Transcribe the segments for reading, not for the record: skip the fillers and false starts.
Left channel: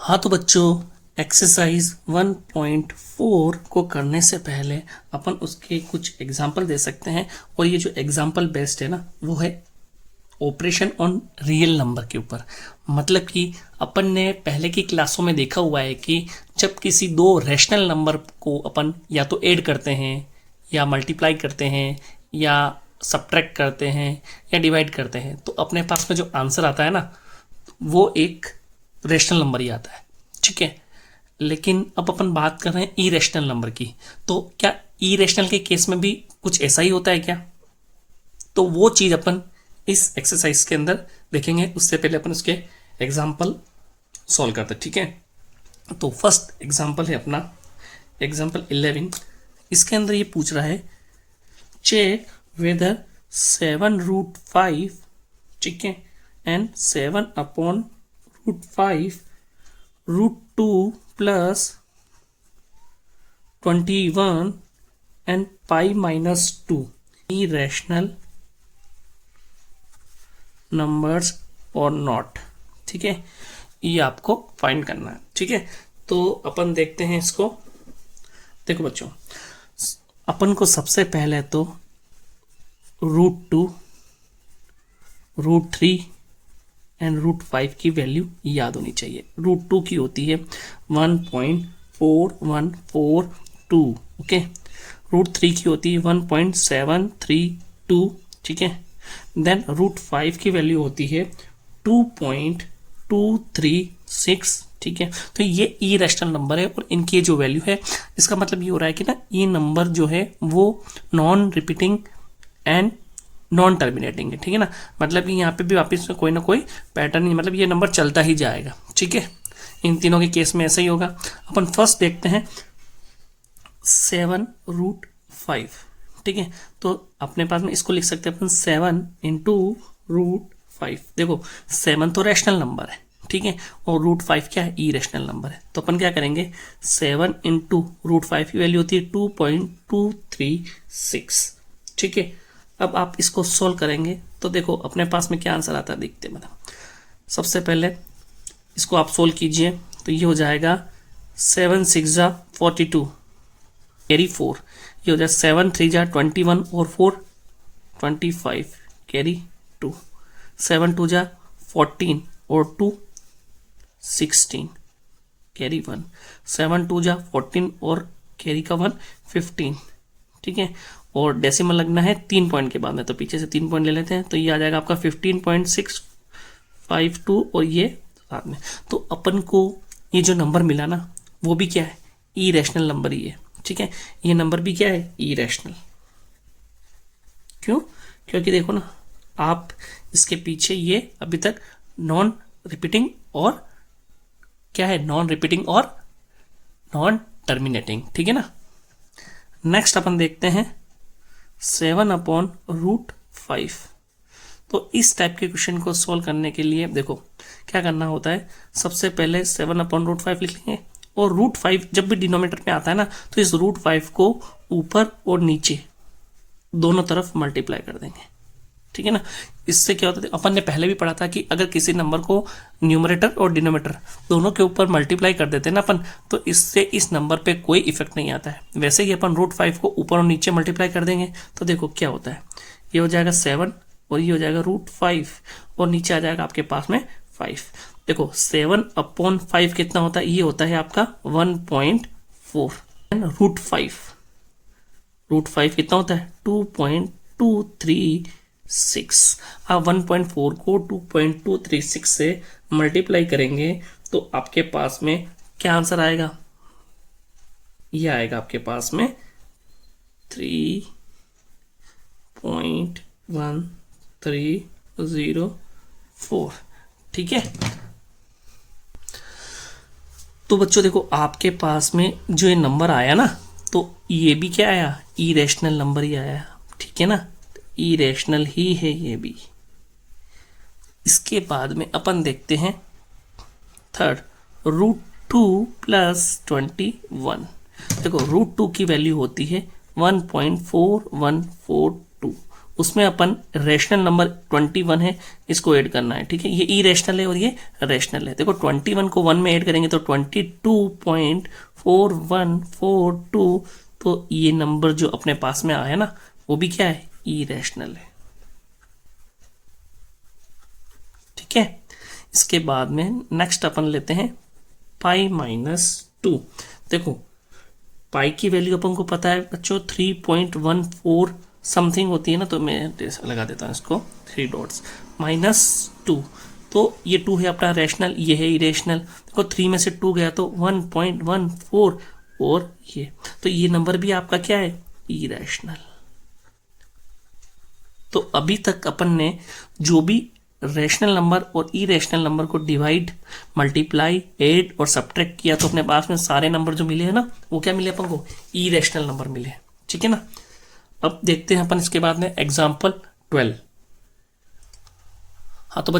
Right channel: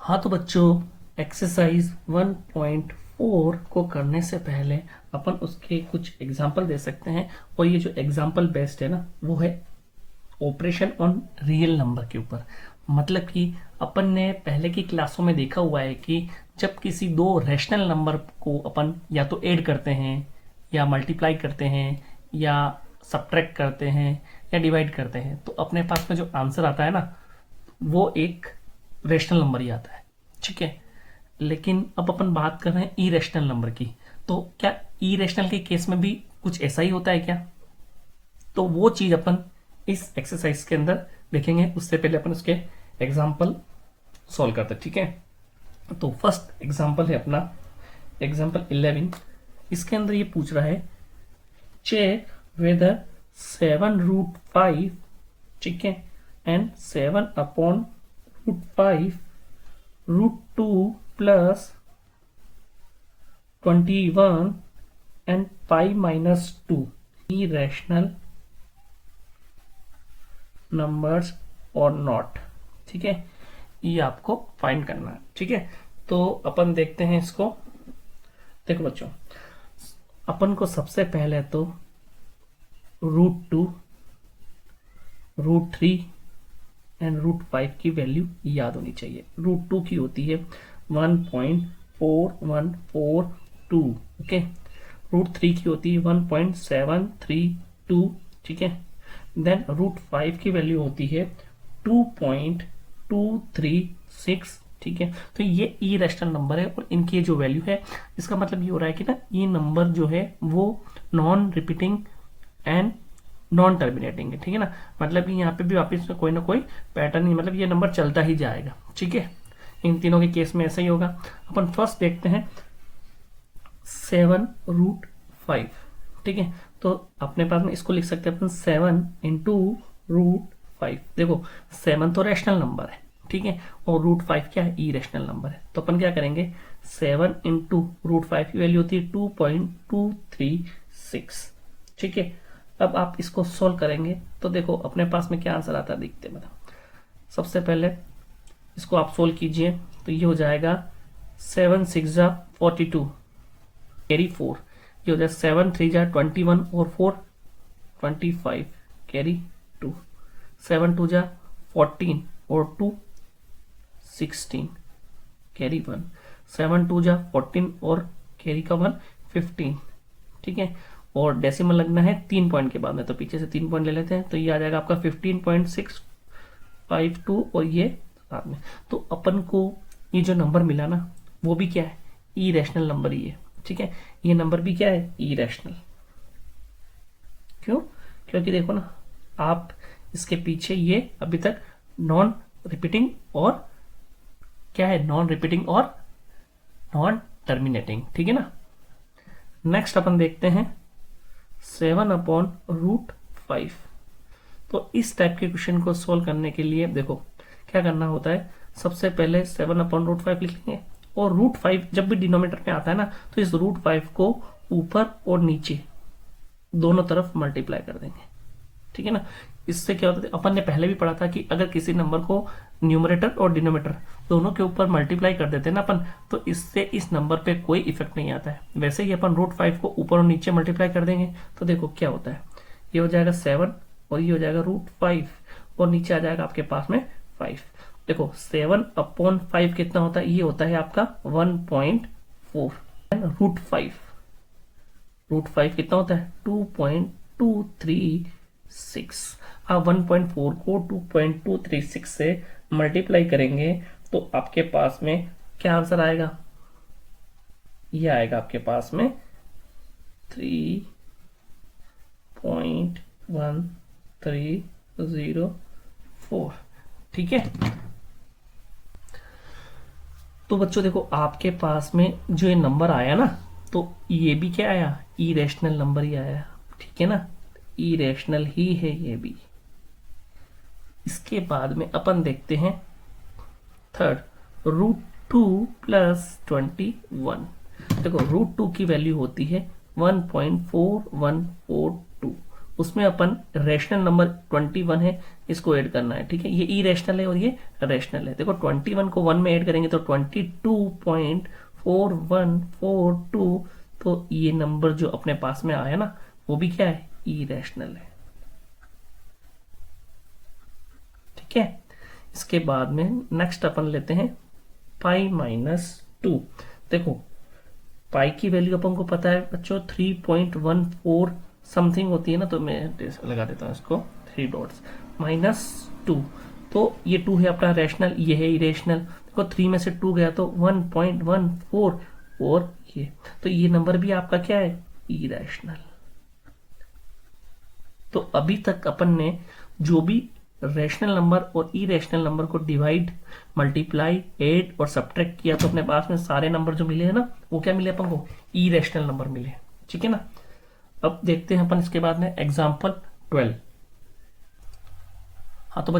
हाँ तो बच्चों, एक्सरसाइज 1.4 को करने से पहले अपन उसके कुछ एग्जाम्पल दे सकते हैं। और ये जो एग्जाम्पल बेस्ड है ना, वो है ऑपरेशन ऑन रियल नंबर के ऊपर। मतलब कि अपन ने पहले की क्लासों में देखा हुआ है कि जब किसी दो रैशनल नंबर को अपन या तो ऐड करते हैं या मल्टीप्लाई करते हैं या सब्ट्रैक्ट करते हैं या डिवाइड करते हैं, तो अपने पास में जो आंसर आता है ना, वो एक रैशनल नंबर ही आता है। ठीक है, लेकिन अब अपन बात कर रहे हैं इरेशनल नंबर की। तो क्या इरेशनल के केस में भी कुछ ऐसा ही होता है क्या? तो वो चीज़ अपन इस एक्सरसाइज के अंदर देखेंगे। उससे पहले अपन उसके एग्जाम्पल सॉल्व करते हैं। ठीक है, तो फर्स्ट एग्जाम्पल है अपना एग्जाम्पल 11। इसके अंदर ये पूछ रहा है, चेक वेदर 7√5, ठीक है, and 7/√5 √2 plus 21 and pi minus 2 irrational numbers और नॉट। ठीक है, ये आपको फाइंड करना है। ठीक है, तो अपन देखते हैं इसको। देखो बच्चों, अपन को सबसे पहले तो √2, √3 एंड √5 की वैल्यू याद होनी चाहिए। √2 की होती है 1.4142। ओके, √3 की होती है 1.732। ठीक है, देन √5 की वैल्यू होती है 2.236। ठीक है, तो ये इरेशनल नंबर है और इनकी जो वैल्यू है, इसका मतलब ये हो रहा है कि ना, ये नंबर जो है वो non repeating and non terminating है। ठीक है ना, मतलब कि यहाँ पे भी वापस कोई ना कोई पैटर्न नहीं, मतलब ये नंबर चलता ही जाएगा। ठीक है, इन तीनों के केस में ऐसा ही होगा। अपन फर्स्ट देखते हैं 7√5। ठीक है, तो अपने पास में इसको लिख सकते हैं अपन 7 इंटू √5। देखो 7 तो रैशनल नंबर है, ठीक है, और √5 क्या है? इरेशनल नंबर है। तो अपन क्या करेंगे, 7 इंटू √5 की वैल्यू होती है 2.236। ठीक है, अब आप इसको सोल्व करेंगे तो देखो अपने पास में क्या आंसर आता है, देखते हैं। मतलब सबसे पहले इसको आप सोल्व कीजिए तो ये हो जाएगा 7 6 जा 42 कैरी 4, ये हो जाएगा 7 3 जा 21 और 4 25 कैरी 2, 7 2 जा 14 और 2 16 कैरी 1, 7 2 जा 14 और कैरी का 1 15। ठीक है, और डेसिमल लगना है 3 पॉइंट के बाद में, तो पीछे से 3 पॉइंट ले लेते हैं, तो ये आ जाएगा आपका 15.652 और ये बाद में। तो अपन को ये जो नंबर मिला ना, वो भी क्या है? इरेशनल नंबर ही है। ठीक है, ये नंबर भी क्या है? इरेशनल। क्यों? क्योंकि देखो ना, आप इसके पीछे ये अभी तक नॉन रिपीटिंग और क्या है? नॉन रिपीटिंग और नॉन टर्मिनेटिंग। ठीक है ना। नेक्स्ट अपन देखते हैं 7/√5। तो इस टाइप के क्वेश्चन को सॉल्व करने के लिए देखो क्या करना होता है। सबसे पहले 7/√5 लिख लेंगे, और √5 जब भी डिनोमिनेटर में आता है ना, तो इस √5 को ऊपर और नीचे दोनों तरफ मल्टीप्लाई कर देंगे। ठीक है ना, इससे क्या होता है, अपन ने पहले भी पढ़ा था कि अगर किसी नंबर को न्यूमरेटर और डिनोमिनेटर दोनों के ऊपर मल्टीप्लाई कर देते हैं ना अपन, तो इससे इस नंबर पे कोई इफेक्ट नहीं आता है। वैसे ही अपन √5 को ऊपर और नीचे मल्टीप्लाई कर देंगे तो देखो क्या होता है, ये हो जाएगा 7 और ये हो जाएगा √5 और नीचे आ जाएगा आपके पास में 5। देखो 7/5 कितना होता है? ये होता है आपका 1.4। √5 कितना होता है? 2.236। आप 1.4 को 2.236 से मल्टीप्लाई करेंगे तो आपके पास में क्या आंसर आएगा? ये आएगा आपके पास में 3.1304। ठीक है, तो बच्चों देखो आपके पास में जो ये नंबर आया ना, तो ये भी क्या आया? इरेशनल नंबर ही आया। ठीक है ना, इरेशनल ही है ये भी। इसके बाद में अपन देखते हैं थर्ड, √2 प्लस 21। देखो √2 की वैल्यू होती है 1.4142। उसमें अपन रैशनल नंबर 21 है, इसको ऐड करना है। ठीक है, ये इरेशनल है और ये रैशनल है। देखो 21 को 1 में ऐड करेंगे तो 22.4142, तो ये नंबर जो अपने पास में आया ना वो भी क्या है, इरेशनल है। ठीक है, इसके बाद में नेक्स्ट अपन लेते हैं पाई -2। देखो पाई की वैल्यू अपन को पता है बच्चों 3.14 समथिंग होती है ना, तो मैं लगा देता हूँ इसको 3 डॉट्स -2। तो ये 2 है अपना रैशनल, ये है इरेशनल। देखो 3 में से 2 गया तो 1.14, और ये तो ये नंबर भी आपका क्या है, इरेशनल। तो अभी तक अपन ने जो भी रैशनल नंबर और इरेशनल नंबर को डिवाइड, मल्टीप्लाई, ऐड और सब्ट्रैक्ट किया तो अपने पास में सारे नंबर जो मिले हैं ना वो क्या मिले अपन को, इरेशनल नंबर मिले। ठीक है ना। अब देखते हैं अपन इसके बाद में एग्जाम्पल 12। हाँ तो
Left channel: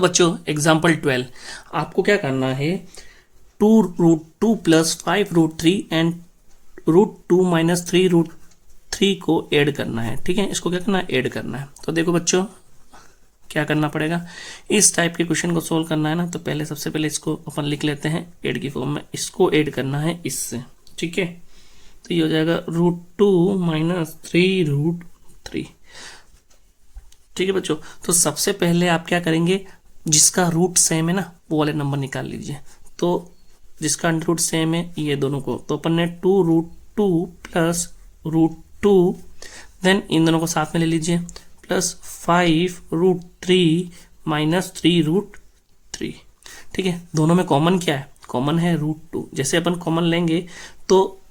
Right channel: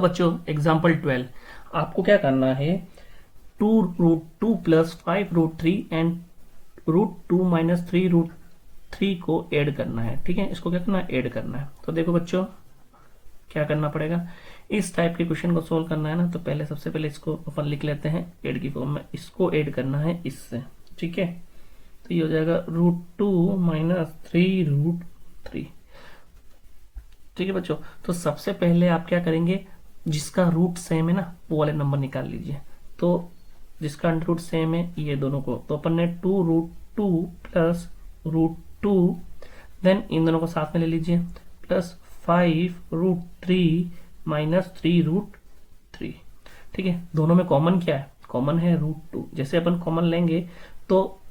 बच्चों एग्जाम्पल 12 आपको क्या करना है, 2√2 + 5√3 एंड √2 - 3√3 को ऐड करना है। ठीक है, इसको क्या करना है, ऐड करना है। तो देखो बच्चों क्या करना पड़ेगा, इस टाइप के क्वेश्चन को सोल्व करना है ना, तो पहले सबसे पहले इसको अपन लिख लेते हैं ऐड की फॉर्म में, इसको ऐड करना है इससे। ठीक है, तो ये हो जाएगा √2 - 3√3। ठीक है बच्चों, तो सबसे पहले आप क्या करेंगे, जिसका रूट सेम है ना वो वाले नंबर निकाल लीजिए। तो जिसका अंडर रूट सेम है ये दोनों को, तो अपन ने 2√2 + √2, देन इन दोनों को साथ में ले लीजिए, प्लस 5√3 - 3√3। ठीक है, दोनों में कॉमन क्या है, कॉमन है √2। जैसे अपन कॉमन लेंगे तो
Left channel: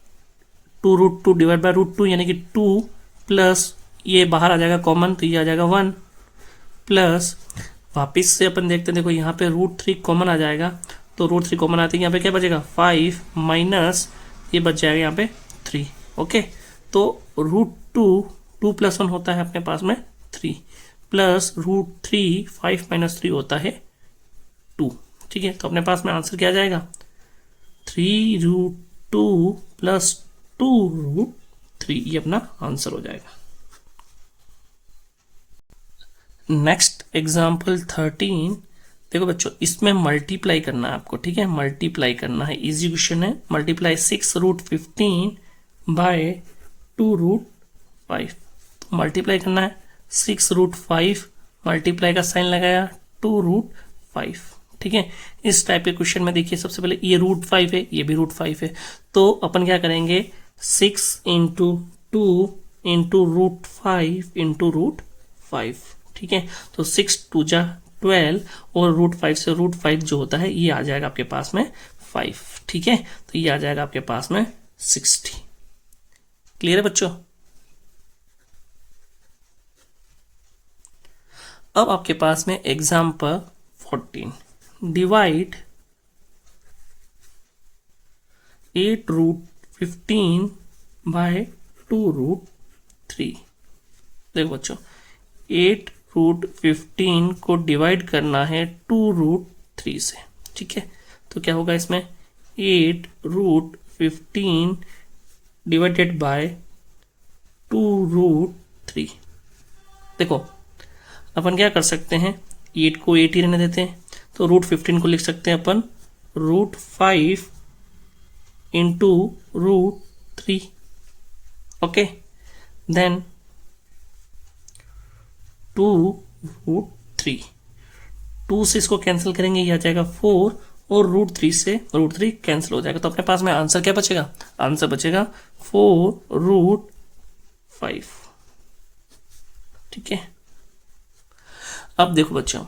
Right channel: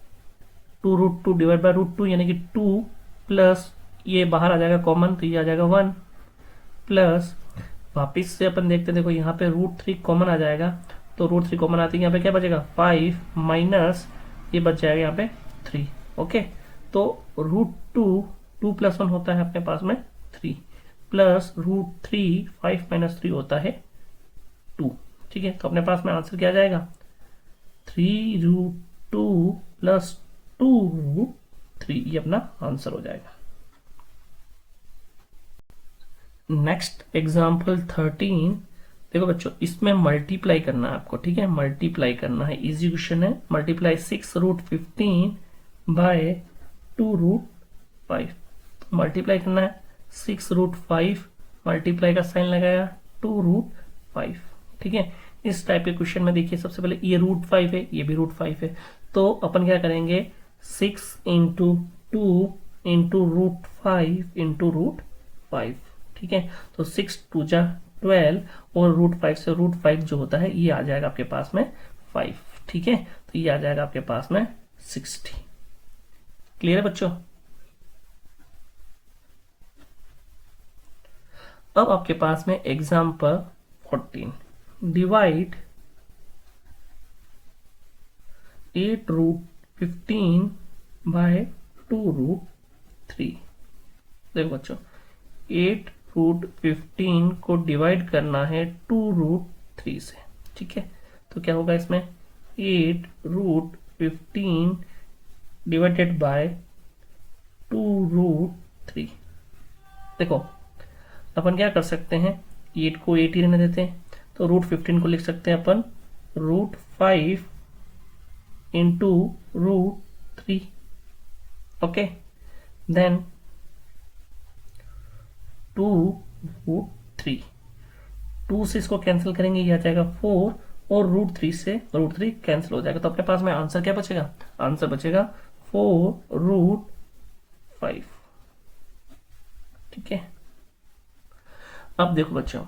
2√2 डिवाइड बाय √2 यानी कि 2, प्लस ये बाहर आ जाएगा कॉमन, तो ये आ जाएगा 1, प्लस वापिस से अपन देखते हैं, देखो यहाँ पे √3 कॉमन आ जाएगा, तो √3 कॉमन आते हैं, यहाँ पे क्या बचेगा 5 माइनस ये बच जाएगा यहाँ पे 3। ओके, तो √2 2 + 1 होता है अपने पास में 3, प्लस √3 5 - 3 होता है 2। ठीक है, तो अपने पास में आंसर क्या आ जाएगा, 3√2 + 2√3, ये अपना आंसर हो जाएगा। Next example 13। देखो बच्चों इसमें मल्टीप्लाई करना है आपको। ठीक है, मल्टीप्लाई करना है, इजी क्वेश्चन है। Multiply 6√15 by 2√5। मल्टीप्लाई करना है 6√5, मल्टीप्लाई का साइन लगाया 2√5। ठीक है, इस टाइप के क्वेश्चन में देखिए सबसे पहले ये √5 है, ये भी √5 है, तो अपन क्या करेंगे 6 × 2 × √5 × √5। ठीक है, तो 6 × 2 = 12 और √5 से √5 जो होता है ये आ जाएगा आपके पास में 5। ठीक है, तो ये आ जाएगा आपके पास में 60। क्लियर है बच्चों। अब आपके पास में एग्जाम्पल 14। Divide 8√15 bye 2√3। देखो बच्चों 8√15 को डिवाइड करना है 2√3 से। ठीक है, तो क्या होगा इसमें 8√15 डिवाइडेड बाय 2√3। देखो अपन क्या कर सकते हैं, 8 को 8 ही रहने देते हैं, तो √15 को लिख सकते हैं अपन √5 × √3। ओके, देन 2√3, 2 से इसको कैंसिल करेंगे, ये आ जाएगा 4, और √3 से √3 कैंसिल हो जाएगा, तो अपने पास में आंसर क्या बचेगा, आंसर बचेगा 4√5। ठीक है, अब देखो बच्चों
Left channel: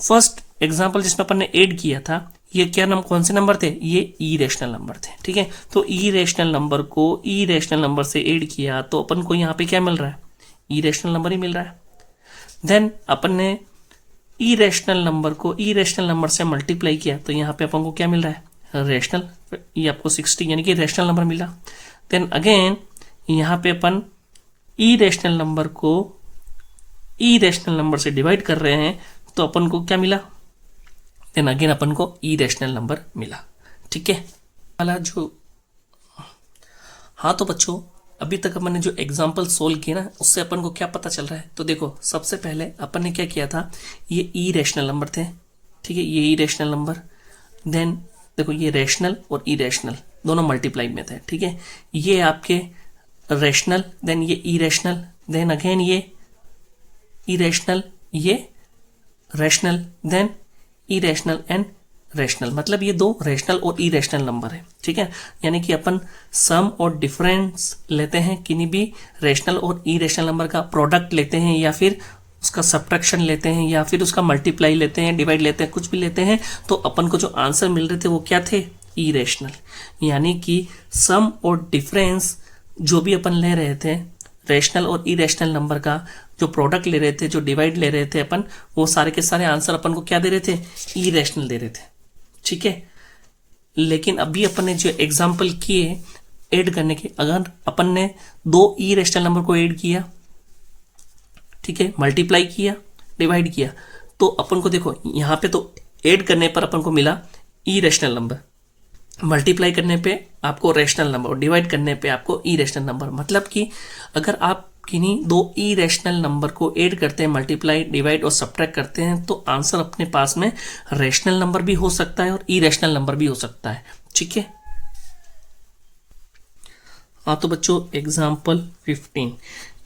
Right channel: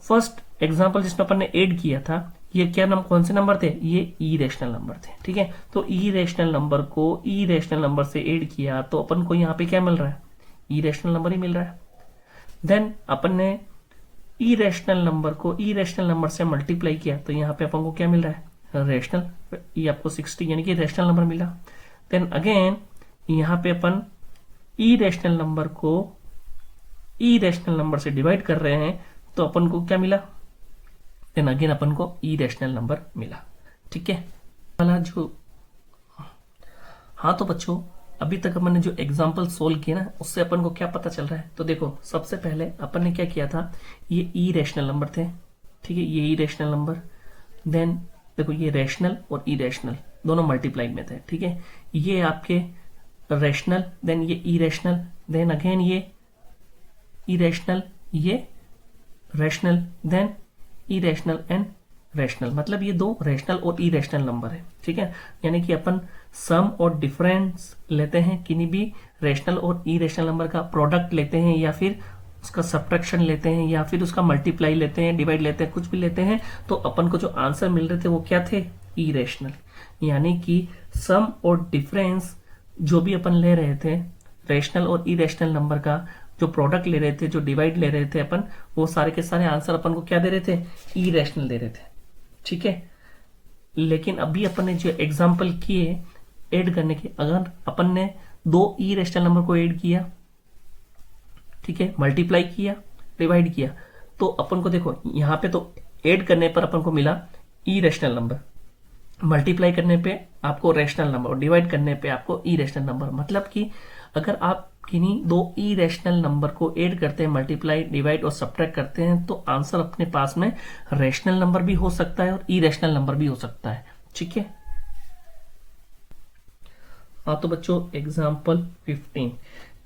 फर्स्ट एग्जांपल जिसमें अपन ने ऐड किया था, ये क्या कौन से नंबर थे, ये इरेशनल नंबर थे। ठीक है, तो इरेशनल नंबर को इरेशनल नंबर से ऐड किया तो अपन को यहाँ पे क्या मिल रहा है, इरेशनल नंबर ही मिल रहा है। देन अपन ने इरेशनल नंबर को इरेशनल नंबर से मल्टीप्लाई किया तो यहाँ पे अपन को क्या मिल रहा है, रेशनल, ये आपको 60 यानी कि रेशनल नंबर मिला। देन अगेन यहाँ पे अपन इरेशनल नंबर को इरेशनल नंबर से डिवाइड कर रहे हैं तो अपन को क्या मिला, देन अगेन अपन को इरेशनल नंबर मिला। ठीक है, वाला जो हाँ तो बच्चों, अभी तक अपन ने जो एग्जाम्पल सोल्व किए ना, उससे अपन को क्या पता चल रहा है? तो देखो, सबसे पहले अपन ने क्या किया था, ये ई रैशनल नंबर थे, ठीक है, ये ई रैशनल नंबर। देन देखो, ये रैशनल और ई रैशनल दोनों मल्टीप्लाई में थे, ठीक है। ये आपके रैशनल, देन ये ई रैशनल, देन अगेन ये इरेशनल, ये rational, then irrational and rational. मतलब ये दो रैशनल और इरेशनल नंबर है, ठीक है। यानी कि अपन सम और डिफरेंस लेते हैं, किन्हीं भी रैशनल और इरेशनल नंबर का प्रोडक्ट लेते हैं, या फिर उसका सब्ट्रैक्शन लेते हैं, या फिर उसका मल्टीप्लाई लेते हैं, डिवाइड लेते हैं, कुछ भी लेते हैं, तो अपन को जो आंसर मिल रहे थे वो क्या थे? इरेशनल। यानी कि सम और डिफरेंस जो भी अपन ले रहे थे रैशनल और इरेशनल नंबर का, जो प्रोडक्ट ले रहे थे, जो डिवाइड ले रहे थे अपन, वो सारे के सारे आंसर अपन को क्या दे रहे थे? इरेशनल दे रहे थे, ठीक है। लेकिन अभी अपन ने जो एग्जाम्पल किए ऐड करने के, अगर अपन ने दो इरेशनल नंबर को ऐड किया, ठीक है, मल्टीप्लाई किया, डिवाइड किया, तो अपन को देखो यहाँ पे तो ऐड करने पर अपन को मिला इरेशनल नंबर, मल्टीप्लाई करने पे आपको रैशनल नंबर और डिवाइड करने पे आपको इरेशनल नंबर। मतलब कि अगर आप किन्हीं दो इरेशनल नंबर को ऐड करते हैं, मल्टीप्लाई, डिवाइड और सब्ट्रैक्ट करते हैं, तो आंसर अपने पास में रैशनल नंबर भी हो सकता है और इरेशनल नंबर भी हो सकता है, ठीक है। हाँ तो बच्चों, एग्जाम्पल 15,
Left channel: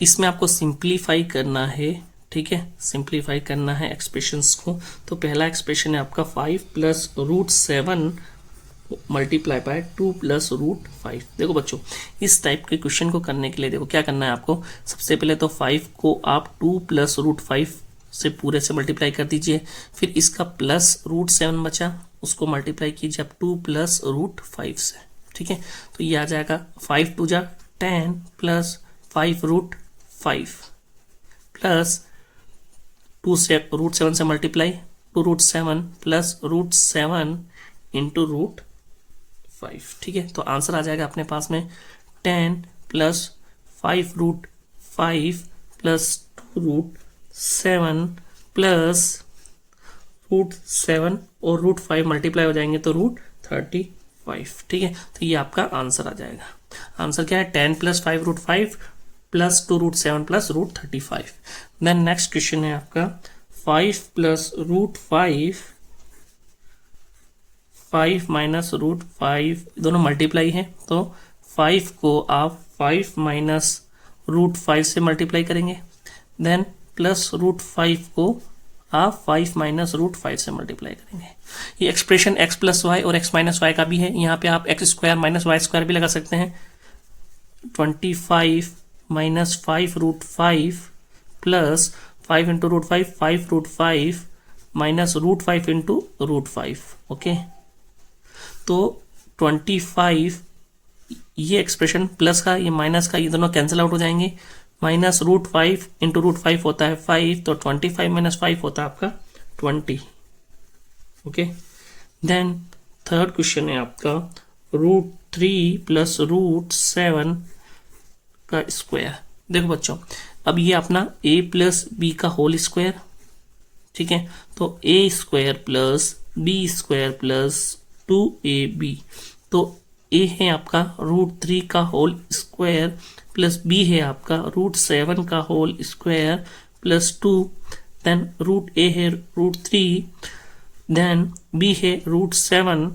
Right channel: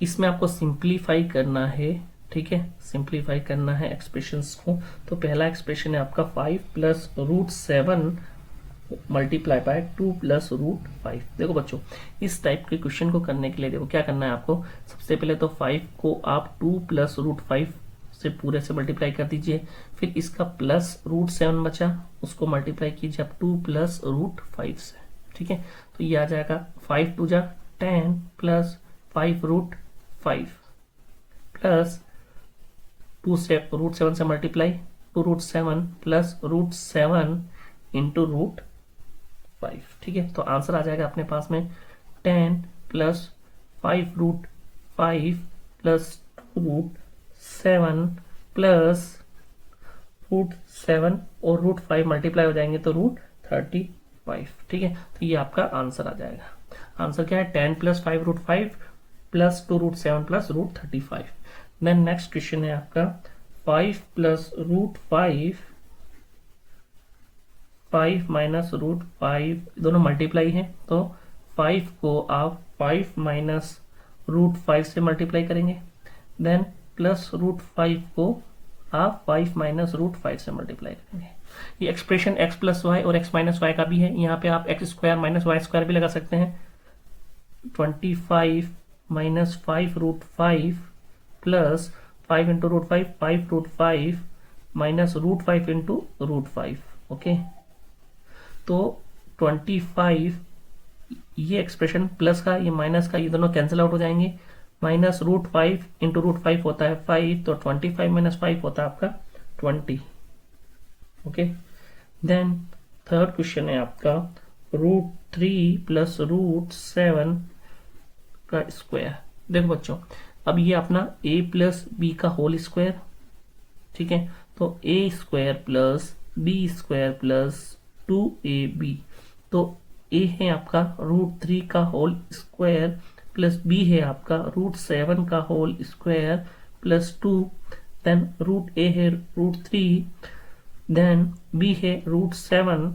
इसमें आपको सिंप्लीफाई करना है, ठीक है, सिंप्लीफाई करना है एक्सप्रेशंस को। तो पहला एक्सप्रेशन है आपका 5 plus root 7 multiply by 2 plus root 5। देखो बच्चों, इस टाइप के क्वेश्चन को करने के लिए देखो क्या करना है आपको। सबसे पहले तो 5 को आप 2 प्लस रूट 5 से पूरे से मल्टीप्लाई कर दीजिए, फिर इसका प्लस रूट 7 बचा, उसको मल्टीप्लाई कीजिए आप 2 प्लस रूट 5 से, ठीक है। तो ये आ जाएगा 5 2 जा 10 प्लस 5 रूट 5 प्लस 2 से रूट 7 से multiply 2 root 7 plus root 7 into root 5, ठीक है। तो आंसर आ जाएगा अपने पास में 10 plus 5 root 5 plus 2 root 7 plus root 7 और रूट 5 मल्टीप्लाई हो जाएंगे तो रूट 35, ठीक है। तो ये आपका आंसर आ जाएगा। आंसर क्या है? 10 plus 5 root 5 plus 2 root 7 plus root 35। Then next question है आपका 5 प्लस रूट 5 माइनस रूट 5, दोनों मल्टीप्लाई है, तो 5 को आप 5 माइनस रूट 5 से मल्टीप्लाई करेंगे, देन प्लस रूट 5 को आप 5 माइनस रूट 5 से मल्टीप्लाई करेंगे। ये एक्सप्रेशन x प्लस वाई और x माइनस वाई का भी है, यहाँ पे आप x square minus y square भी लगा सकते हैं। 25 minus 5 root 5 plus 5 into root 5, 5 root 5 minus root 5 into root 5, okay. तो 25, ये एक्सप्रेशन प्लस का, ये माइनस का, ये दोनों कैंसिल आउट हो जाएंगे। माइनस रूट 5 इंटू रूट 5 होता है 5, तो 25 माइनस 5 होता है आपका 20, ओके। देन थर्ड क्वेश्चन है आपका रूट 3 प्लस रूट 7 का स्क्वायर। देखो बच्चों, अब ये अपना a प्लस बी का होल स्क्वायर, ठीक है। तो a square plus b square plus 2ab, तो a है आपका रूट 3 का होल स्क्वायर प्लस b है आपका रूट 7 का whole square plus 2, then root a है रूट 3, देन b है रूट 7,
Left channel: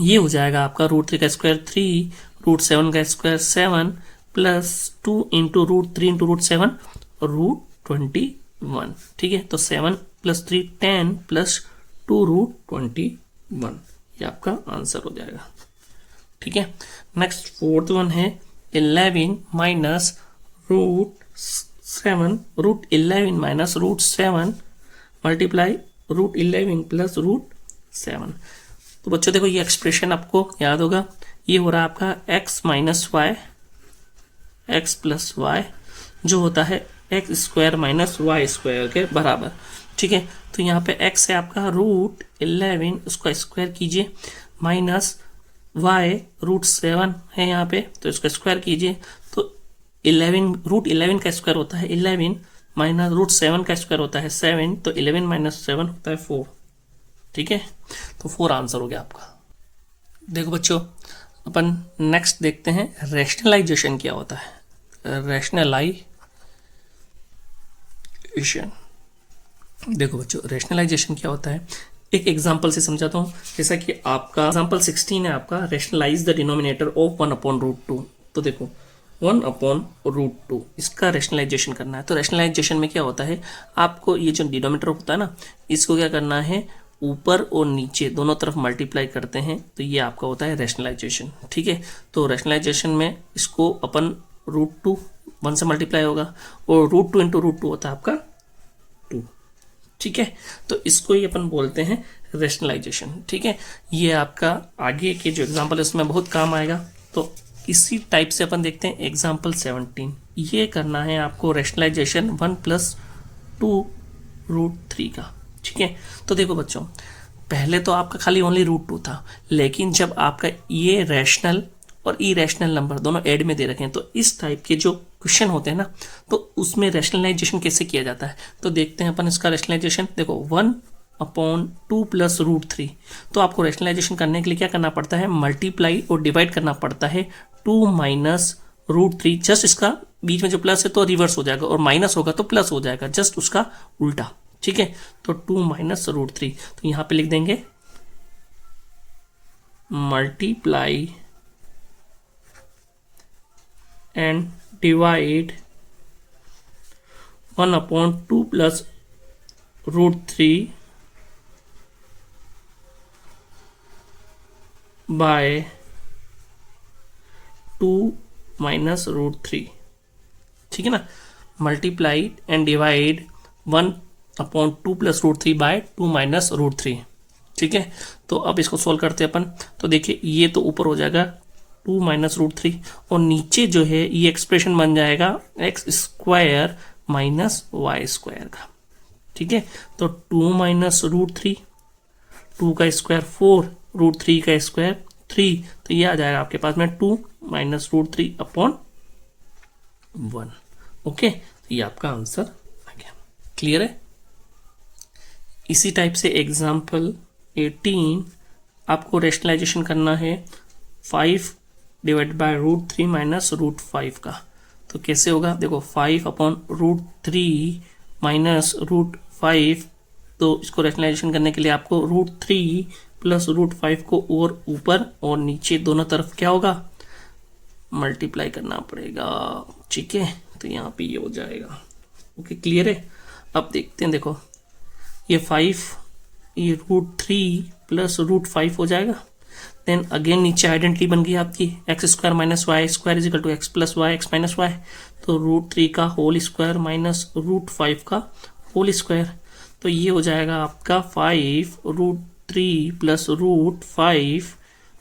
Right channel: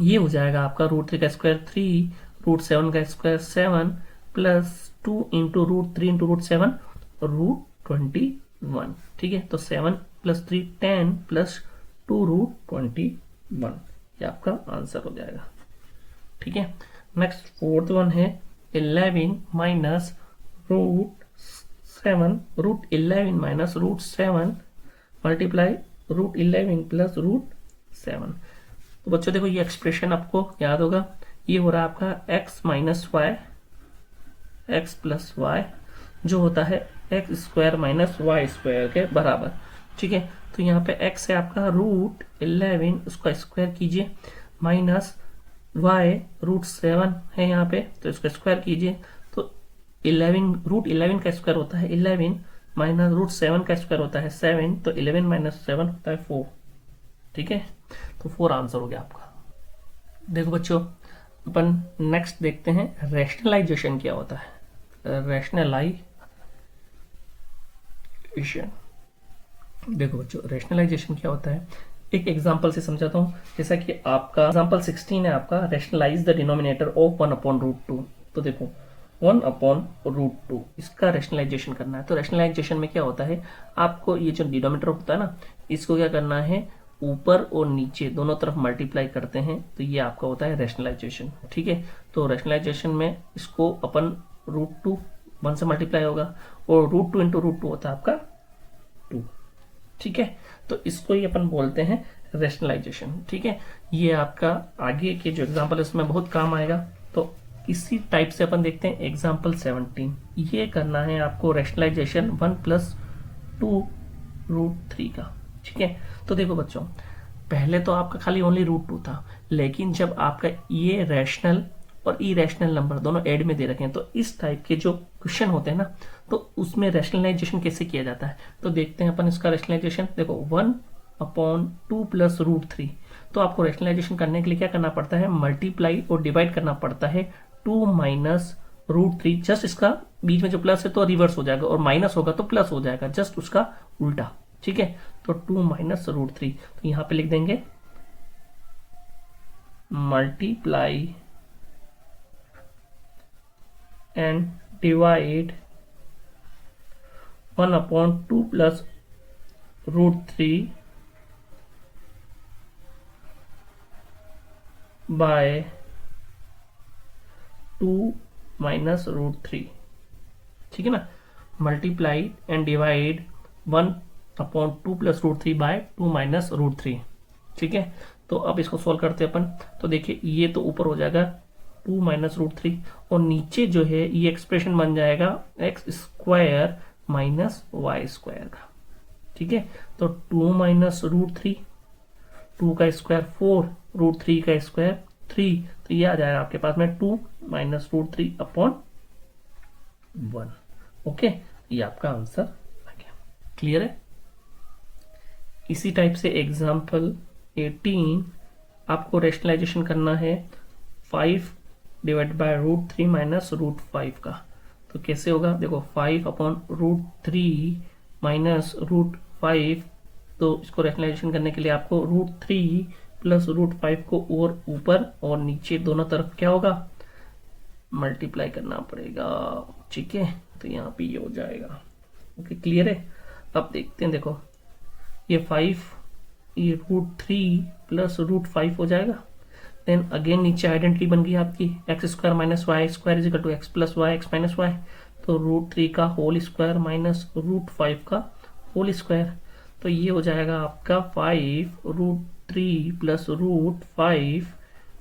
ये हो जाएगा आपका रूट 3 का स्क्वायर 3, रूट 7 का square 7 plus 2 into root 3 into root 7 root 21, ठीक है। तो 7 प्लस 3 10 प्लस 2 रूट 21, ये आपका आंसर हो जाएगा, ठीक है। नेक्स्ट फोर्थ वन है 11 minus root 7, root 11 minus root 7 multiply root 11 plus root 7। तो बच्चों देखो, ये एक्सप्रेशन आपको याद होगा, ये हो रहा है आपका x minus y, x plus y, जो होता है x square minus y square के बराबर, ठीक है। तो यहाँ पे x है आपका रूट 11, उसको स्क्वायर कीजिए, माइनस y रूट 7 है यहाँ पे, तो इसको स्क्वायर कीजिए, तो 11 रूट 11 का स्क्वायर होता है 11, माइनस रूट 7 का स्क्वायर होता है 7, तो 11 माइनस 7 होता है 4, ठीक है। तो 4 आंसर हो गया आपका। देखो बच्चों, अपन नेक्स्ट देखते हैं रैशनलाइजेशन क्या होता है। रैशनलाइजेशन, देखो बच्चों रैशनलाइजेशन क्या होता है, एक एग्जांपल से समझाता हूँ। जैसा कि आपका एग्जांपल 16 है आपका, रैशनलाइज द डिनोमिनेटर ऑफ 1/√2। तो देखो 1/√2 इसका रैशनलाइजेशन करना है। तो रैशनलाइजेशन में क्या होता है, आपको ये जो डिनोमिनेटर होता है ना, इसको क्या करना है, ऊपर और नीचे दोनों तरफ मल्टीप्लाई करते हैं, तो ये आपका होता है रैशनलाइजेशन। ठीक है, तो रैशनलाइजेशन में इसको अपन √2 1 से मल्टीप्लाई होगा, और √2 × √2 होता है आपका 2। ठीक है, तो इसको ही अपन बोलते हैं रैशनलाइजेशन। ठीक है, ये आपका आगे के जो एग्जांपल है उसमें बहुत काम आएगा। तो इसी टाइप से अपन देखते हैं एग्जांपल 17। ये करना है आपको रैशनलाइजेशन 1 + 2√3 का। ठीक है, तो देखो बच्चों, पहले तो आपका खाली ओनली √2 था, लेकिन जब आपका ये रैशनल और इरेशनल नंबर दोनों ऐड में दे रखे हैं, तो इस टाइप के जो क्वेश्चन होते हैं ना, तो उसमें रैशनलाइजेशन कैसे किया जाता है, तो देखते हैं अपन इसका रैशनलाइजेशन। देखो 1/2 + √3, तो आपको रैशनलाइजेशन करने के लिए क्या करना पड़ता है, मल्टीप्लाई और डिवाइड करना पड़ता है 2 - √3। जस्ट इसका बीच में जो प्लस है तो रिवर्स हो जाएगा, और माइनस होगा तो प्लस हो जाएगा, जस्ट उसका उल्टा। ठीक है, तो 2 - √3, तो यहां पे लिख देंगे मल्टीप्लाई and divide 1/2 + √3 by 2 - √3। ठीक है ना, मल्टीप्लाई एंड डिवाइड 1/2 + √3 by 2 - √3। ठीक है, तो अब इसको सोल्व करते हैं अपन। तो देखिए ये तो ऊपर हो जाएगा 2 - √3, और नीचे जो है ये एक्सप्रेशन बन जाएगा x² - y² का। ठीक है, तो 2 - √3, 2 का स्क्वायर 4, √3 का स्क्वायर 3, तो ये आ जाएगा आपके पास में 2 - √3/1। ओके, तो ये आपका आंसर आ गया। क्लियर है। इसी टाइप से एग्जाम्पल 18 आपको रैशनलाइजेशन करना है 5 / √3 - √5 का। तो कैसे होगा, देखो 5/√3 - √5, तो इसको रैशनलाइजेशन करने के लिए आपको √3 + √5 को और ऊपर और नीचे दोनों तरफ क्या होगा, मल्टीप्लाई करना पड़ेगा। ठीक है, तो यहाँ पे ये हो जाएगा। ओके, क्लियर है। अब देखते हैं, देखो ये 5, ये √3 + √5 हो जाएगा। देन अगेन नीचे आइडेंटिटी बन गई आपकी x² - y² = x + y x - y, तो √3 का होल स्क्वायर माइनस √5 का होल स्क्वायर, तो ये हो जाएगा आपका 5 √3 + √5,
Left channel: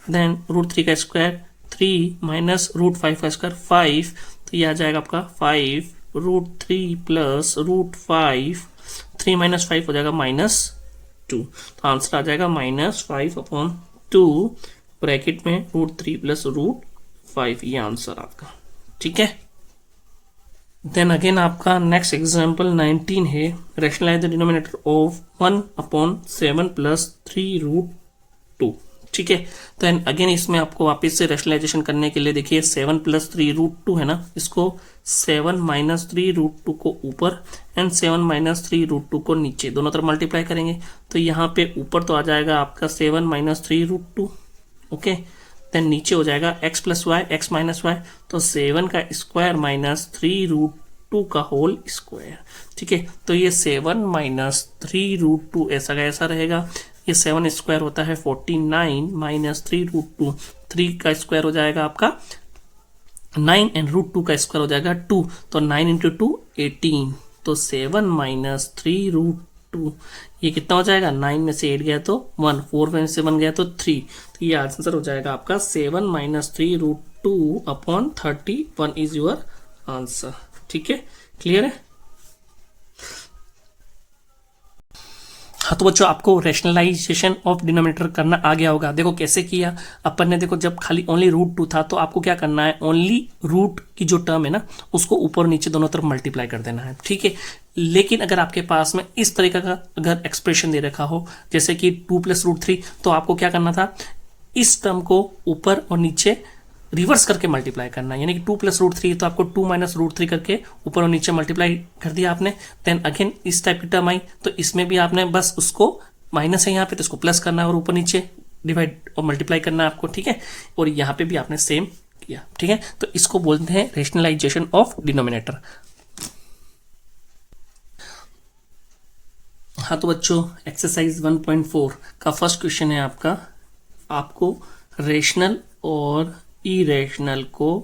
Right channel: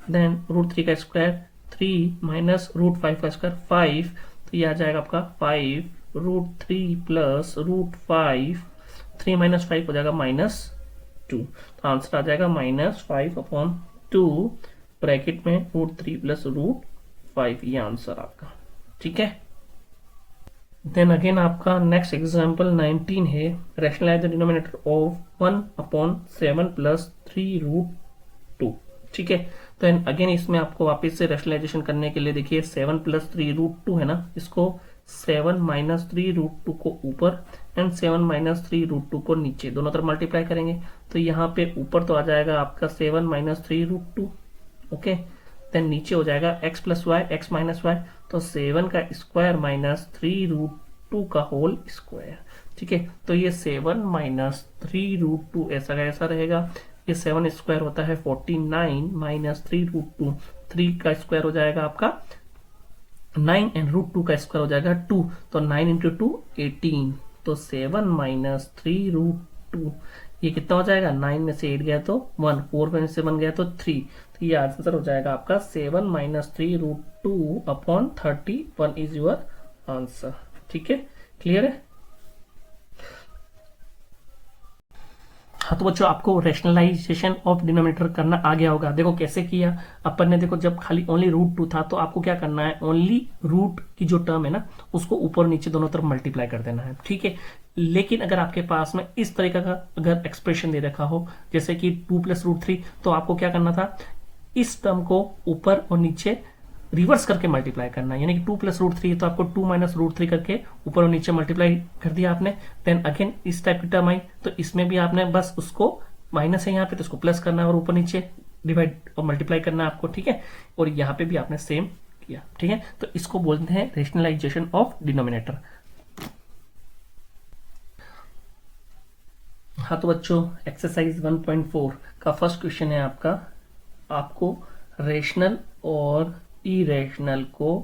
देन √3 का स्क्वायर 3 माइनस √5 का स्क्वायर 5, तो ये आ जाएगा आपका 5 √3 + √5, 3 - 5 हो जाएगा -2, तो आंसर आ जाएगा -5/2 ब्रैकेट में √3 + √5, ये आंसर आपका। ठीक है, देन अगेन आपका नेक्स्ट एग्जांपल 19 है, रैशनलाइज द डिनोमिनेटर ऑफ 1/7 + 3√2। ठीक है, तो अगेन इसमें आपको वापस से रैशनलाइजेशन करने के लिए देखिए 7 + 3√2 है ना, इसको 7 - 3√2 को ऊपर एंड 7 - 3√2 को नीचे दोनों तरफ मल्टीप्लाई करेंगे, तो यहाँ पे ऊपर तो आ जाएगा आपका 7 - 3√2। ओके, देन नीचे हो जाएगा x + y x - y, तो 7 का स्क्वायर माइनस 3√2 का होल स्क्वायर। ठीक है, तो ये 7 - 3√2 ऐसा का ऐसा रहेगा। ये 7 स्क्वायर होता है 49 माइनस 3√2, 3 का स्क्वायर हो जाएगा आपका 9 एंड √2 का स्क्वायर हो जाएगा 2, तो 9 × 2 18, तो 7 - 3√2, ये कितना हो जाएगा, 9 में से 8 गया तो 1, 4 में से 1 गया तो 3, तो ये आंसर हो जाएगा आपका 7 - 3√2/31 इज योर आंसर। ठीक है, क्लियर है। हाँ, तो बच्चों आपको रैशनलाइजेशन ऑफ डिनोमिनेटर करना आ गया होगा। देखो कैसे किया अपन ने, देखो जब खाली ओनली √2 था तो आपको क्या करना है, ओनली रूट की जो टर्म है ना उसको ऊपर नीचे दोनों तरफ मल्टीप्लाई कर देना है। ठीक है, लेकिन अगर आपके पास में इस तरीके का अगर एक्सप्रेशन दे रखा हो जैसे कि 2 + √3, तो आपको क्या करना था, इस टर्म को ऊपर और नीचे रिवर्स करके मल्टीप्लाई करना है, यानी कि 2 प्लस रूट थ्री, तो आपको 2 माइनस रूट थ्री करके ऊपर और नीचे मल्टीप्लाई कर दिया आपने। देन अगेन इस टाइप की टर्म आई, तो इसमें भी आपने बस उसको माइनस है यहाँ पे तो इसको प्लस करना है और ऊपर नीचे डिवाइड और मल्टीप्लाई करना है आपको, ठीक है। और यहाँ पे भी आपने सेम किया, ठीक है। तो इसको बोलते हैं रेशनलाइजेशन ऑफ डिनोमिनेटर। हाँ तो बच्चों, एक्सरसाइज 1.4 का फर्स्ट क्वेश्चन है आपका, आपको रेशनल और इरेशनल को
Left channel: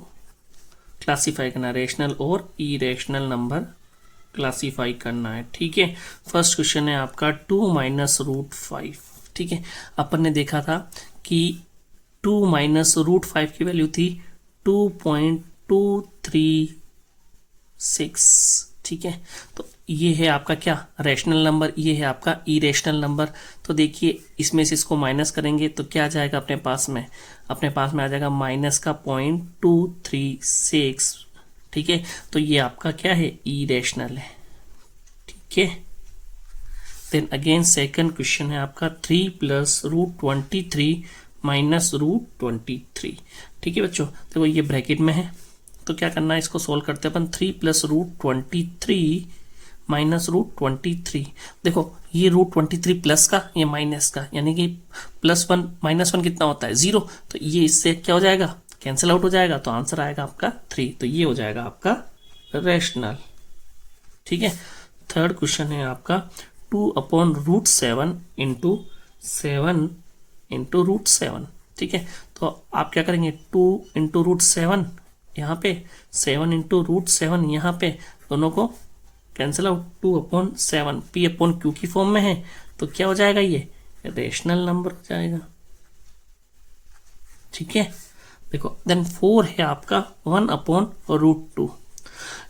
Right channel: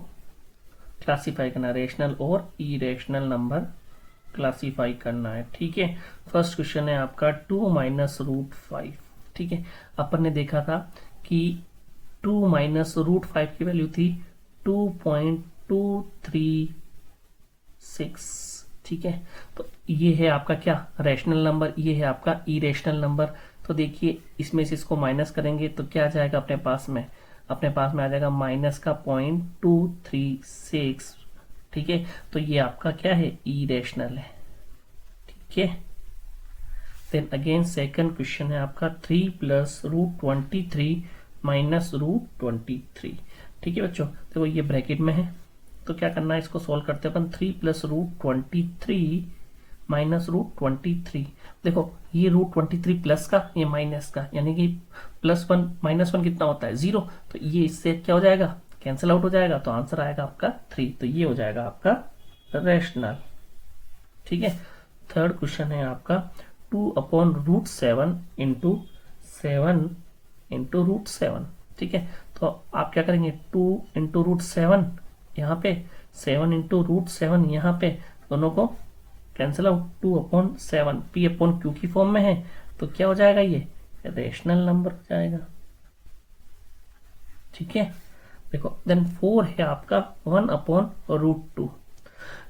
क्लासीफाई करना है, रेशनल और इरेशनल नंबर क्लासीफाई करना है, ठीक है। फर्स्ट क्वेश्चन है आपका 2 माइनस रूट 5, ठीक है। अपन ने देखा था कि 2 माइनस रूट 5 की वैल्यू थी 2.236, ठीक है। तो ये है आपका क्या, रेशनल नंबर, ये है आपका इरेशनल नंबर। तो देखिए इसमें से इसको माइनस करेंगे तो क्या आ जाएगा अपने पास में, अपने पास में आ जाएगा माइनस का 0.236, ठीक है। तो ये आपका क्या है, इरेशनल है, ठीक है। देन अगेन सेकंड क्वेश्चन है आपका 3 प्लस रूट 23 माइनस रूट 23, ठीक है बच्चों। देखो ये ब्रैकेट में है तो क्या करना है, इसको सॉल्व करते हैं अपन। 3 प्लस रूट 23 माइनस रूट 23, देखो ये रूट 23 प्लस का, ये माइनस का, यानी कि +1 -1 कितना होता है, 0। तो ये इससे क्या हो जाएगा, कैंसिल आउट हो जाएगा, तो आंसर आएगा आपका 3। तो ये हो जाएगा आपका रेशनल, ठीक है। थर्ड क्वेश्चन है आपका 2/√7 इंटू 7 इंटू √7, ठीक है। तो आप क्या करेंगे, 2 इंटू √7 यहाँ पे, 7 इंटू √7 यहाँ पे, दोनों को कैंसिल आउट, 2/7 P/Q की फॉर्म में है, तो क्या हो जाएगा, ये रेशनल नंबर हो जाएगा, ठीक है। देखो देन 4 है आपका 1/√2।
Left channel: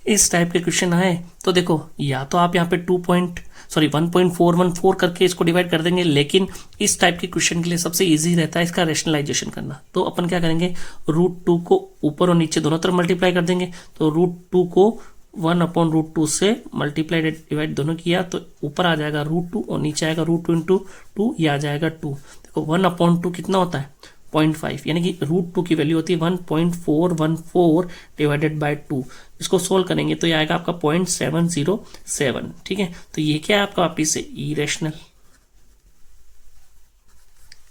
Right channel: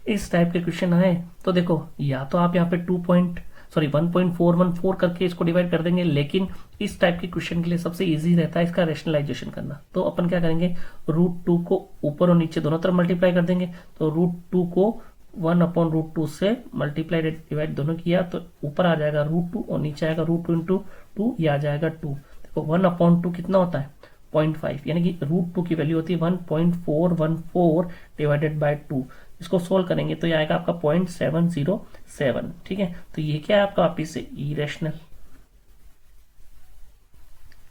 इस टाइप के क्वेश्चन आए तो देखो, या तो आप यहाँ पे 1.414 करके इसको डिवाइड कर देंगे, लेकिन इस टाइप के क्वेश्चन के लिए सबसे इजी रहता है इसका रेशनलाइजेशन करना। तो अपन क्या करेंगे, √2 को ऊपर और नीचे दोनों तरफ मल्टीप्लाई कर देंगे। तो √2 को 1/√2 से मल्टीप्लाई डिवाइड दोनों किया तो ऊपर आ जाएगा √2 और नीचे आएगा √2 इंटू 2, ये आ जाएगा 2। देखो 1/2 कितना होता है, 0.5, यानी कि √2 की वैल्यू होती है 1.414 डिवाइडेड बाय 2। इसको सोल्व करेंगे तो ये आएगा आपका 0.707, ठीक है। तो ये क्या है आपका वापिस से इरेशनल,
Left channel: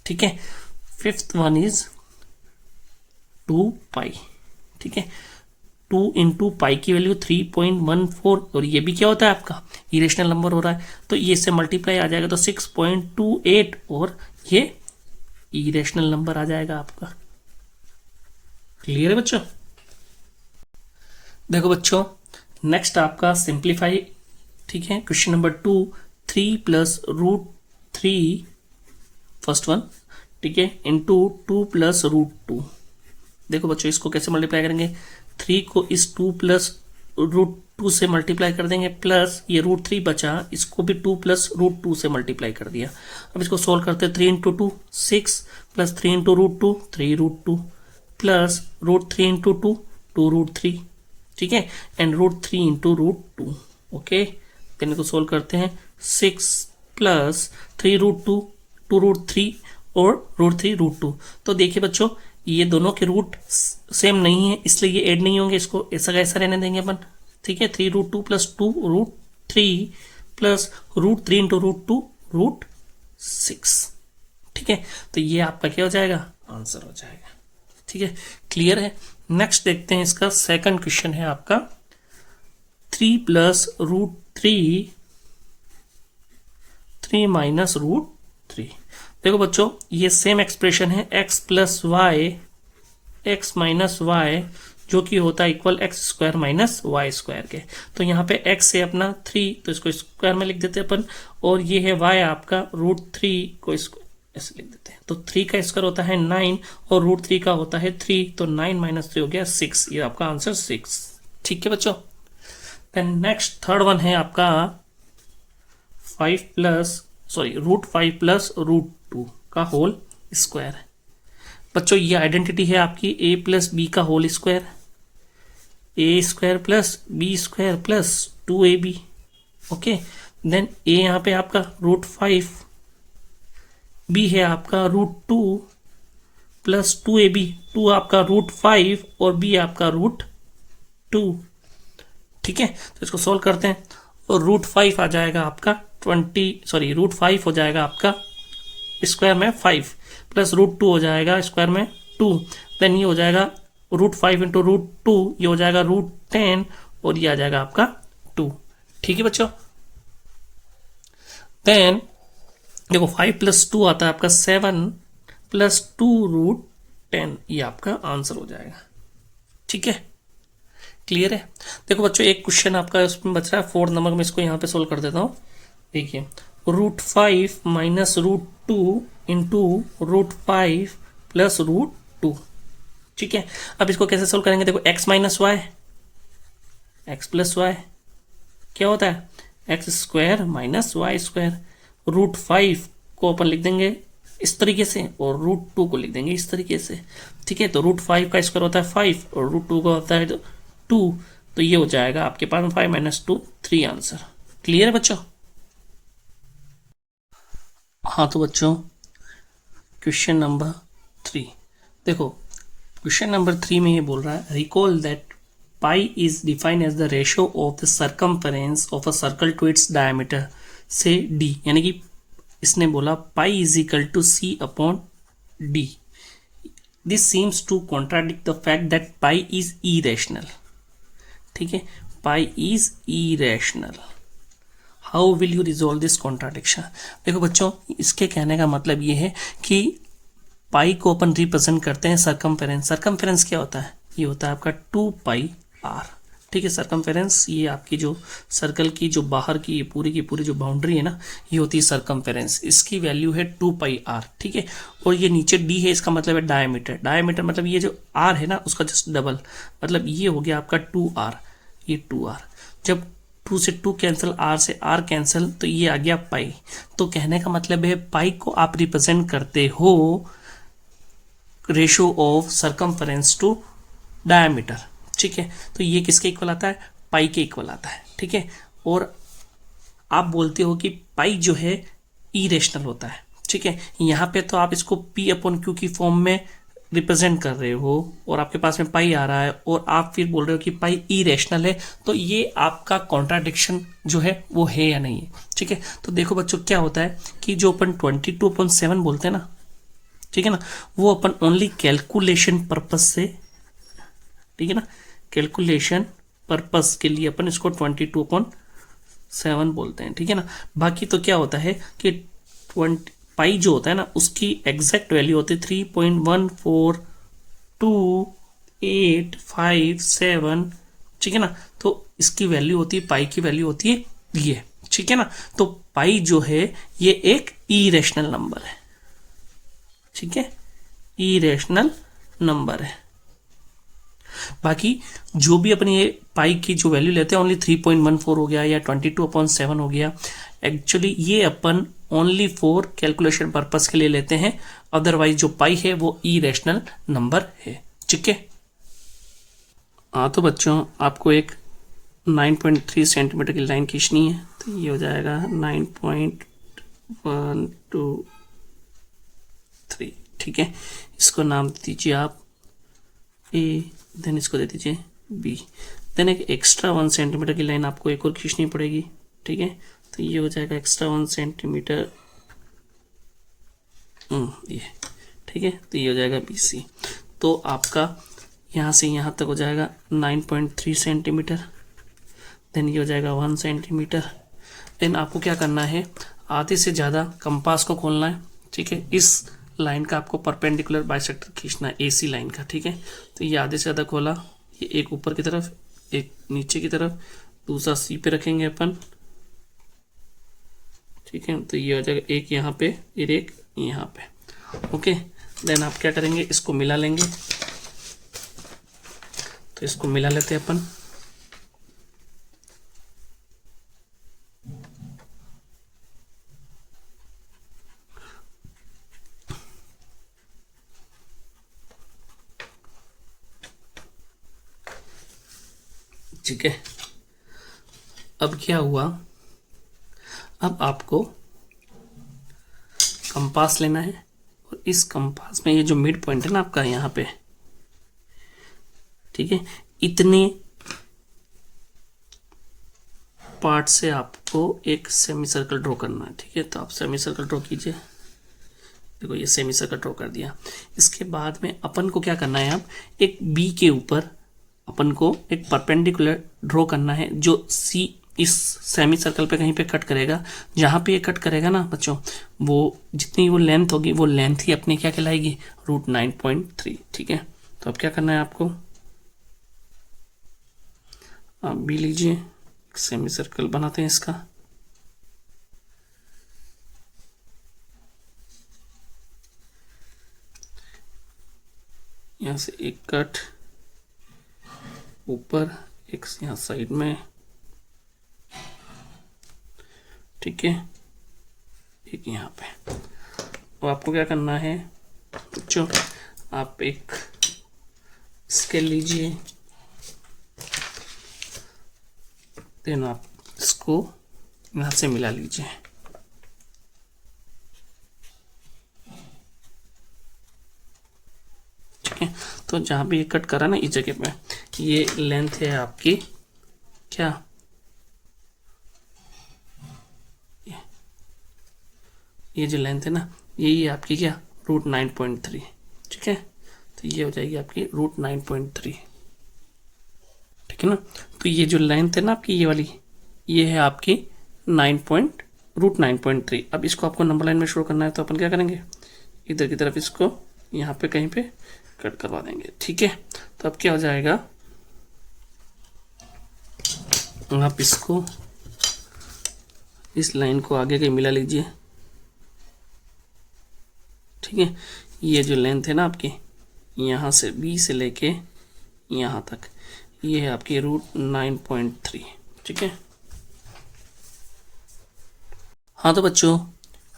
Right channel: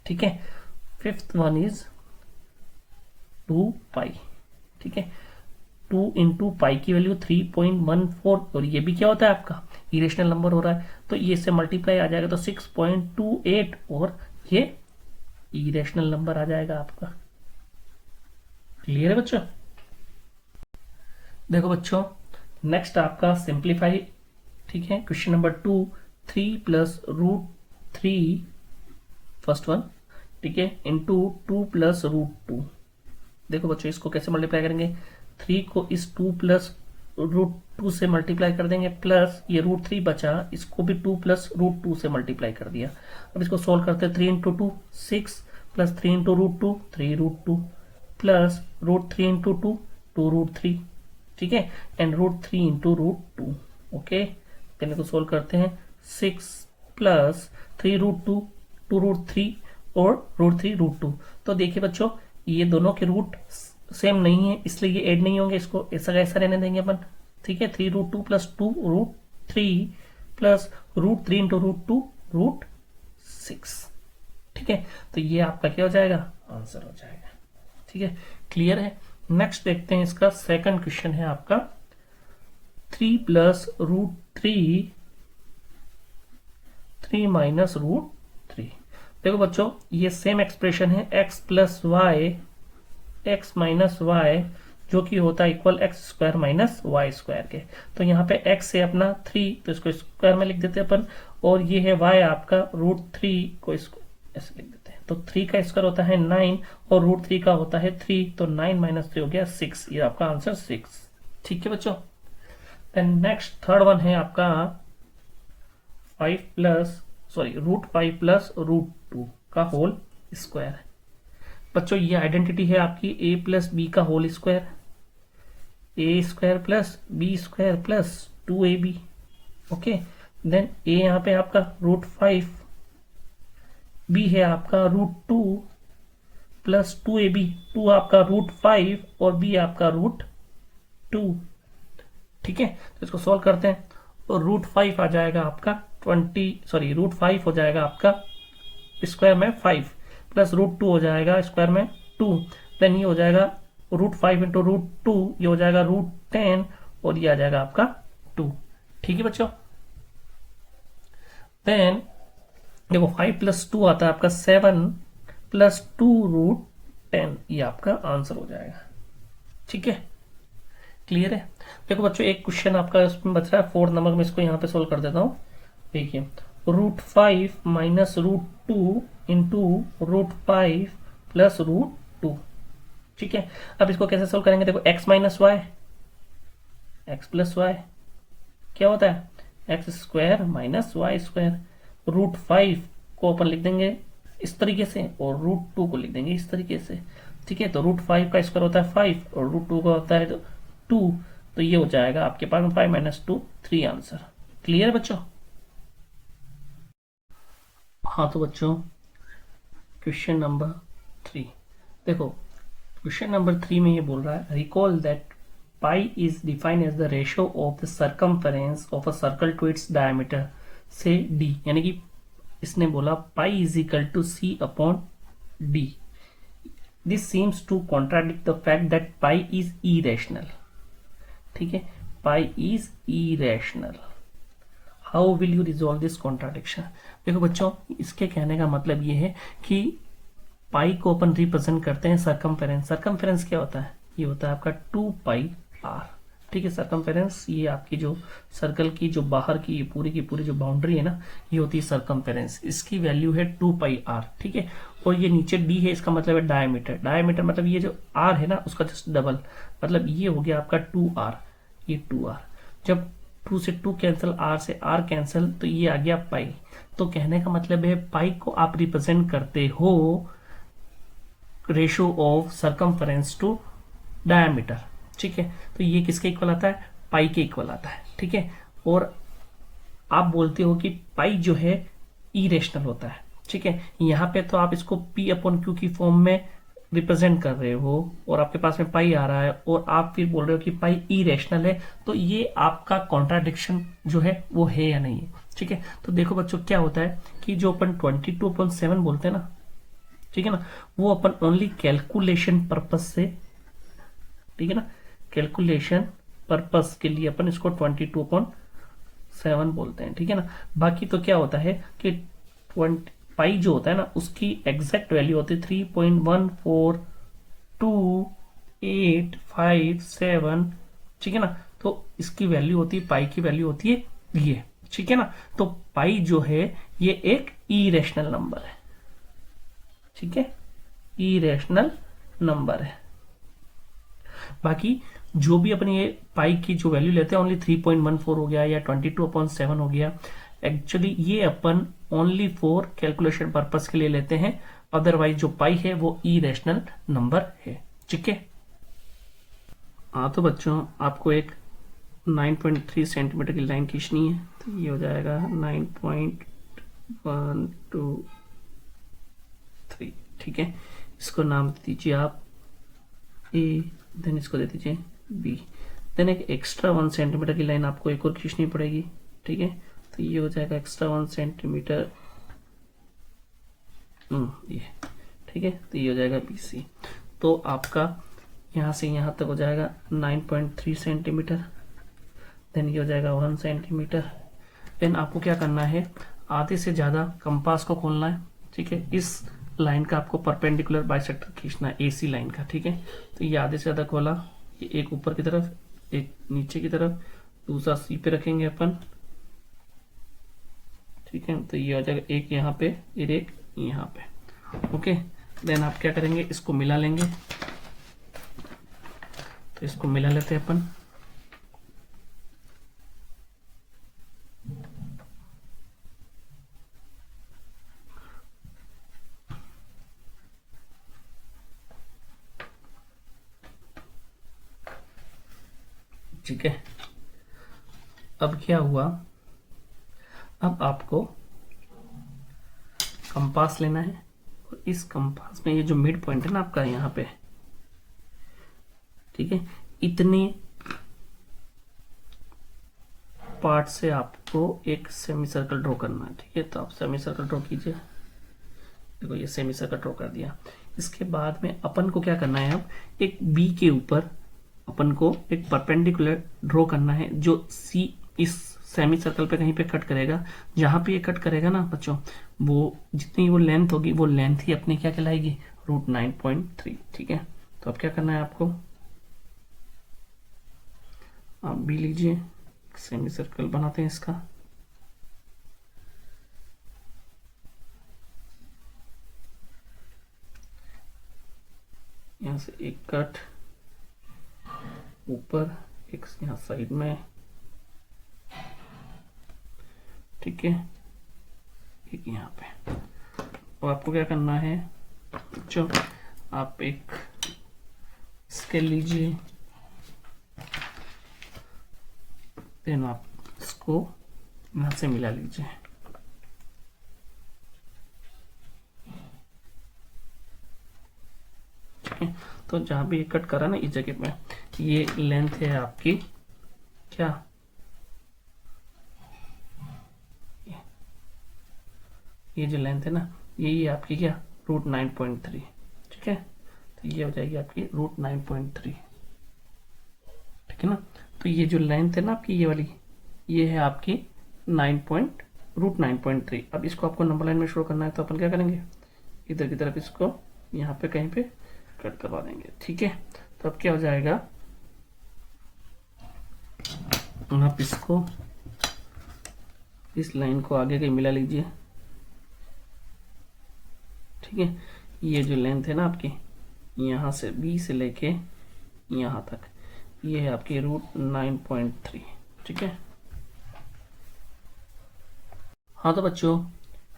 ठीक है। फिफ्थ वन इज 2π, ठीक है। 2 इंटू पाई की वैल्यू 3.14, और ये भी क्या होता है आपका इरेशनल नंबर हो रहा है, तो ये से मल्टीप्लाई आ जाएगा तो 6.28, और ये इरेशनल नंबर आ जाएगा आपका। क्लियर है बच्चों। देखो बच्चों नेक्स्ट आपका सिंप्लीफाई, ठीक है। Question number 2, 3 plus √3 first one, ठीक है, इंटू 2 प्लस √2। देखो बच्चों इसको कैसे मल्टीप्लाई करेंगे, 3 को इस 2 प्लस √2 से मल्टीप्लाई कर देंगे, प्लस ये √3 बचा, इसको भी 2 प्लस √2 से मल्टीप्लाई कर दिया। अब इसको सोल्व करते हैं, 3 into 2 6, plus 3 into √2 3√2, plus √3 into 2 2√3, ठीक है, एंड √3 इंटू √2, ओके। देन इसको सोल्व करते हैं, 6 प्लस 3√2 2√3 और √3 √2। तो देखिए बच्चों ये दोनों के रूट सेम नहीं है, इसलिए ये ऐड नहीं होंगे, इसको ऐसा का ऐसा रहने देंगे अपन, ठीक है। 3√2 प्लस 2√3 प्लस √3 इंटू √2 √6, ठीक है। तो ये आपका क्या हो जाएगा, आंसर हो जाएगा, ठीक है। क्लियर है। नेक्स्ट देखते हैं इसका सेकंड क्वेश्चन है आपका 3 प्लस √3 3 माइनस √3। देखो बच्चों ये सेम एक्सप्रेशन है x plus y x minus y, जो कि होता है equal x² minus y square के। तो यहाँ पे x है अपना 3, तो इसको स्क्वायर में लिख देते हैं अपन, और ये है y आपका √3 को इसको ऐसे लिख देते हैं। तो 3 का स्क्वायर होता है 9 और √3 का होता है 3, तो 9 माइनस 3 हो गया 6, ये आपका आंसर 6, ठीक है बच्चों। देन नेक्स्ट थर्ड वन है आपका 5 प्लस √5 प्लस √2 का होल स्क्वायर है। बच्चों ये आइडेंटिटी है आपकी a प्लस बी का whole square, a² plus b² plus 2ab, okay. Then a यहाँ पे आपका √5, b है आपका √2, प्लस 2ab, 2 आपका √5 और b आपका √2। ठीक है, तो इसको सोल्व करते हैं, और √5 आ जाएगा आपका 5 हो जाएगा आपका स्क्वायर में 5, प्लस √2 हो जाएगा स्क्वायर में 2, देन ये हो जाएगा √5 इंटू √2, ये हो जाएगा √10, और ये आ जाएगा आपका 2। ठीक है बच्चों, देन देखो 5 + 2 आता है आपका 7 + 2√10, ये आपका आंसर हो जाएगा। ठीक है, क्लियर है। देखो बच्चों एक क्वेश्चन आपका उसमें बच रहा है 4 नंबर में, इसको यहाँ पे सोल्व कर देता हूँ। देखिए √5 - √2 इंटू √5 + √2। ठीक है, अब इसको कैसे सोल्व करेंगे, देखो x - y, x + y क्या होता है, x² - y²। √5 को अपन लिख देंगे इस तरीके से, और √2 को लिख देंगे इस तरीके से। ठीक है, तो √5 का स्क्वायर होता है 5, और √2 का होता है 2, तो ये हो जाएगा आपके पास 5 - 2 3 आंसर। क्लियर है बच्चों। हाँ तो बच्चों क्वेश्चन नंबर 3 देखो, क्वेश्चन नंबर 3 में ये बोल रहा है, recall that pi is defined as the ratio of the circumference of a circle to its diameter से d, यानी कि इसने बोला pi = c/d। This seems to contradict the fact that pi is irrational. ठीक है, pi is irrational, how will you resolve this contradiction. देखो बच्चों इसके कहने का मतलब ये है कि पाई को अपन रिप्रेजेंट करते हैं सर्कमफेरेंस। सर्कमफेरेंस क्या होता है, ये होता है आपका 2πr। ठीक है, सर्कमफेरेंस ये आपकी जो सर्कल की जो बाहर की पूरी जो बाउंड्री है ना, ये होती है सर्कमफेरेंस, इसकी वैल्यू है 2πr। ठीक है, और ये नीचे d है, इसका मतलब है डायमीटर। डायमीटर मतलब ये जो r है ना उसका जस्ट डबल, मतलब ये हो गया आपका 2r, ये 2r। जब 2 से 2 कैंसिल, r से r कैंसिल, तो ये आ गया पाई। तो कहने का मतलब है पाई को आप रिप्रेजेंट करते हो ratio of circumference to diameter. ठीक है, तो ये किसके इक्वल आता है, पाई के इक्वल आता है। ठीक है, और आप बोलते हो कि पाई जो है इरेशनल होता है। ठीक है, यहाँ पे तो आप इसको P/Q की फॉर्म में रिप्रेजेंट कर रहे हो, और आपके पास में पाई आ रहा है, और आप फिर बोल रहे हो कि पाई इरेशनल है, तो ये आपका कॉन्ट्राडिक्शन जो है वो है या नहीं है। ठीक है, तो देखो बच्चों क्या होता है कि जो अपन 22/7 बोलते हैं ना, ठीक है ना, वो अपन ओनली कैलकुलेशन पर्पस से, ठीक है ना, कैलकुलेशन पर्पस के लिए अपन इसको 22/7 बोलते हैं। ठीक है ना, बाकी तो क्या होता है कि 20 पाई जो होता है ना उसकी एग्जैक्ट वैल्यू होती है 3.14287। ठीक है ना, तो इसकी वैल्यू होती है, पाई की वैल्यू होती है ये। ठीक है ना, तो पाई जो है ये एक इरेशनल नंबर है। ठीक है, इरेशनल नंबर है। बाकी जो भी अपनी ये पाई की जो वैल्यू लेते हैं, ओनली 3.14 हो गया या 22/7 हो गया, एक्चुअली ये अपन ओनली फॉर कैलकुलेशन पर्पस के लिए लेते हैं, अदरवाइज जो पाई है वो इरेशनल नंबर है। ठीक है, हाँ तो बच्चों आपको एक 9.3 सेंटीमीटर की लाइन खींचनी है, तो ये हो जाएगा 9.123। ठीक है, इसको नाम दे दीजिए आप ए, देन इसको दे दीजिए बी, देन एक एक्स्ट्रा 1 सेंटीमीटर की लाइन आपको एक और खींचनी पड़ेगी। ठीक है, तो ये हो जाएगा एक्स्ट्रा 1 सेंटीमीटर ये। ठीक है, तो ये हो जाएगा BC। तो आपका यहाँ से यहाँ तक हो जाएगा 9.3 सेंटीमीटर, देन ये हो जाएगा 1 सेंटीमीटर। देन आपको क्या करना है, आधे से ज़्यादा कंपास को खोलना है। ठीक है, इस लाइन का आपको परपेंडिकुलर बाइसेक्टर खींचना है, AC लाइन का। ठीक है, तो ये आधे से ज़्यादा खोला, ये एक ऊपर की तरफ, एक नीचे की तरफ, दूसरा C पे रखेंगे अपन। ठीक है, तो ये हो जाएगा एक यहाँ पे, एक यहाँ पे। ओके, देन आप क्या करेंगे, इसको मिला लेंगे। तो इसको मिला लेते हैं अपन। ठीक है, अब क्या हुआ, अब आपको कंपास लेना है और इस कंपास में ये जो मिड पॉइंट है ना आपका यहाँ पे, ठीक है, इतने पार्ट से आपको एक सेमी सर्कल ड्रॉ करना है। ठीक है, तो आप सेमी सर्कल ड्रॉ कीजिए। देखो ये सेमी सर्कल ड्रॉ कर दिया। इसके बाद में अपन को क्या करना है, अब एक बी के ऊपर अपन को एक परपेंडिकुलर ड्रॉ करना है जो सी इस सेमी सर्कल पे कहीं पे कट करेगा। जहाँ पे ये कट करेगा ना बच्चों, वो जितनी वो लेंथ होगी वो लेंथ ही अपनी क्या कहलाएगी, √9.3। ठीक है, तो अब क्या करना है आपको, आप भी लीजिए, सेमी सर्कल बनाते हैं इसका। यहाँ से एक कट ऊपर, एक यहाँ साइड में, ठीक है, एक यहाँ पे। अब आपको क्या करना है बच्चों, आप एक स्केल लीजिए, देन आप इसको यहाँ से मिला लीजिए। ठीक है, तो जहाँ भी ये कट करा ना इस जगह पे, ये लेंथ है आपकी क्या, ये जो लेंथ है ना, यही आपकी क्या, √9.3। ठीक है, तो ये हो जाएगी आपकी √9.3। ठीक है ना, तो ये जो लेंथ है ना आपकी ये वाली, ये है आपकी √9.3। अब इसको आपको नंबर लाइन में शो करना है, तो अपन क्या करेंगे, इधर की तरफ इसको यहाँ पे कहीं पे कट करवा देंगे। ठीक है, तो अब क्या हो जाएगा, आप इसको इस लाइन को आगे के मिला लीजिए। ठीक है, ये जो लेंथ है ना आपकी, यहाँ से बी से लेके यहाँ तक, ये है आपकी √9.3। ठीक है, हाँ तो बच्चों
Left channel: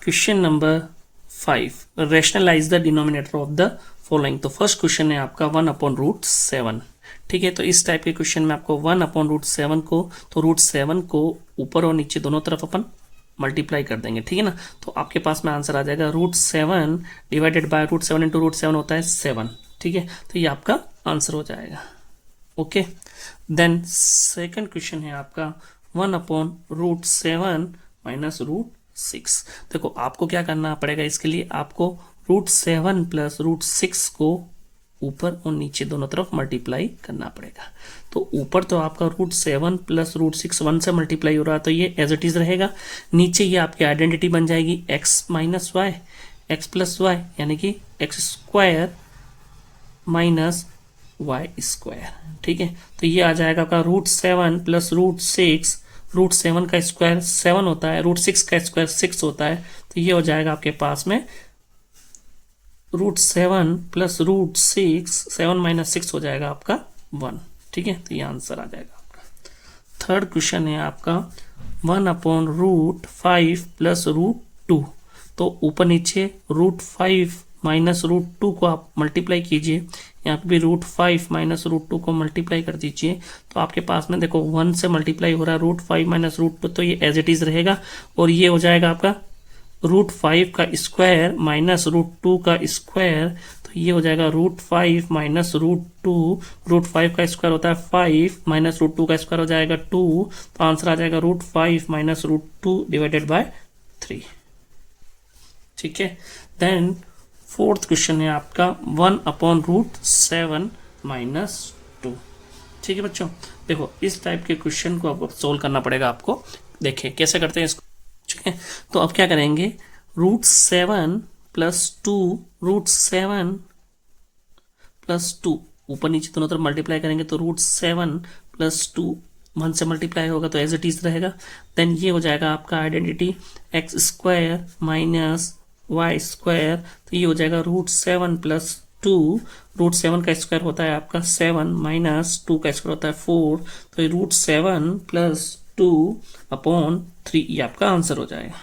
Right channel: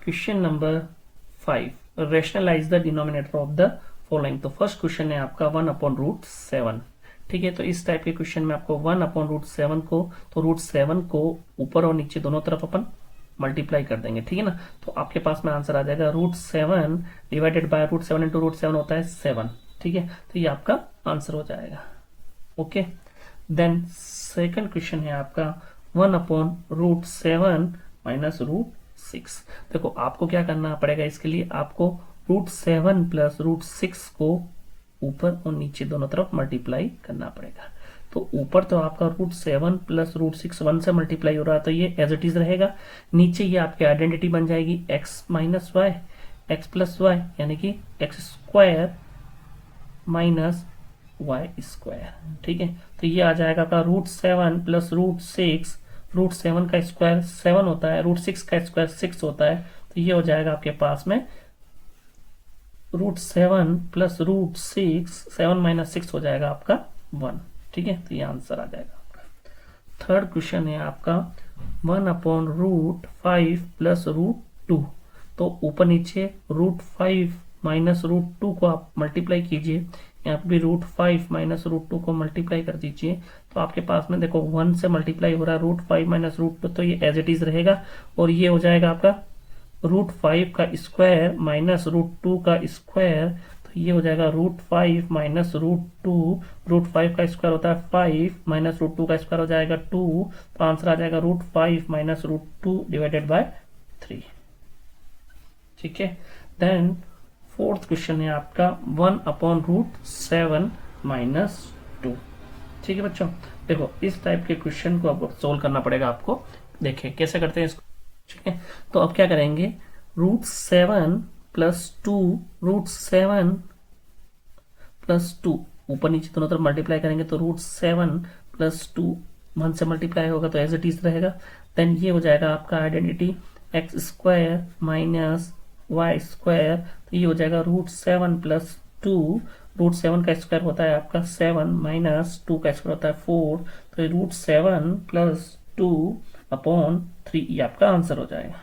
question number 5, rationalise the denominator of the following. तो फर्स्ट क्वेश्चन है आपका 1/√7। ठीक है, तो इस टाइप के क्वेश्चन में आपको 1/√7 को, तो √7 को ऊपर और नीचे दोनों तरफ अपन मल्टीप्लाई कर देंगे। ठीक है ना, तो आपके पास में आंसर आ जाएगा √7 डिवाइडेड बाय √7 इंटू √7 होता है 7। ठीक है, तो ये आपका आंसर हो जाएगा। ओके, देन सेकंड क्वेश्चन है आपका 1/√7 माइनस √6। देखो आपको क्या करना पड़ेगा, इसके लिए आपको √7 प्लस √6 को ऊपर और नीचे दोनों तरफ मल्टीप्लाई करना पड़ेगा। तो ऊपर तो आपका √7 प्लस √6 1 से मल्टीप्लाई हो रहा है, तो ये एज इट इज रहेगा। नीचे ये आपकी आइडेंटिटी बन जाएगी x minus y, x plus y, यानी कि x² माइनस y²। ठीक है, तो ये आ जाएगा आपका √7 प्लस √6, √7 का स्क्वायर 7 होता है, √6 का स्क्वायर 6 होता है, तो ये हो जाएगा आपके पास में √7 प्लस √6, 7 माइनस 6 हो जाएगा आपका 1। ठीक है, तो ये आंसर आ जाएगा आपका। थर्ड क्वेश्चन है आपका 1/√5 प्लस √2। तो ऊपर नीचे √5 माइनस √2 को आप मल्टीप्लाई कीजिए, यहाँ पे भी √5 माइनस √2 को मल्टीप्लाई कर दीजिए, तो आपके पास में देखो 1 से मल्टीप्लाई हो रहा है, √5 माइनस √2, तो ये एज इट इज रहेगा, और ये हो जाएगा आपका √5 का स्क्वायर माइनस √2 का स्क्वायर, तो ये हो जाएगा √5 माइनस √2। √5 का स्क्वायर होता है 5 माइनस √2 का स्क्वायर हो जाएगा 2, तो आंसर आ जाएगा √5 माइनस √2 डिवाइडेड बाय 3। ठीक है, देन फोर्थ क्वेश्चन है आपका 1/√7 माइनस 2। ठीक है बच्चों, देखो इस टाइप के क्वेश्चन को आपको सोल्व करना पड़ेगा आपको। देखिए कैसे करते हैं इसको। ठीक है, तो अब क्या करेंगे, √7 प्लस 2, √7 प्लस 2 ऊपर नीचे दोनों तरफ मल्टीप्लाई करेंगे, तो √7 प्लस 2 1 से मल्टीप्लाई होगा, तो एज इट इज रहेगा। देन ये हो जाएगा आपका आइडेंटिटी x² माइनस y², तो ये हो जाएगा √7 प्लस 2, √7 का स्क्वायर होता है आपका 7 माइनस 2 का स्क्वायर होता है 4, तो ये √7 प्लस 2/3 ये आपका आंसर हो जाएगा।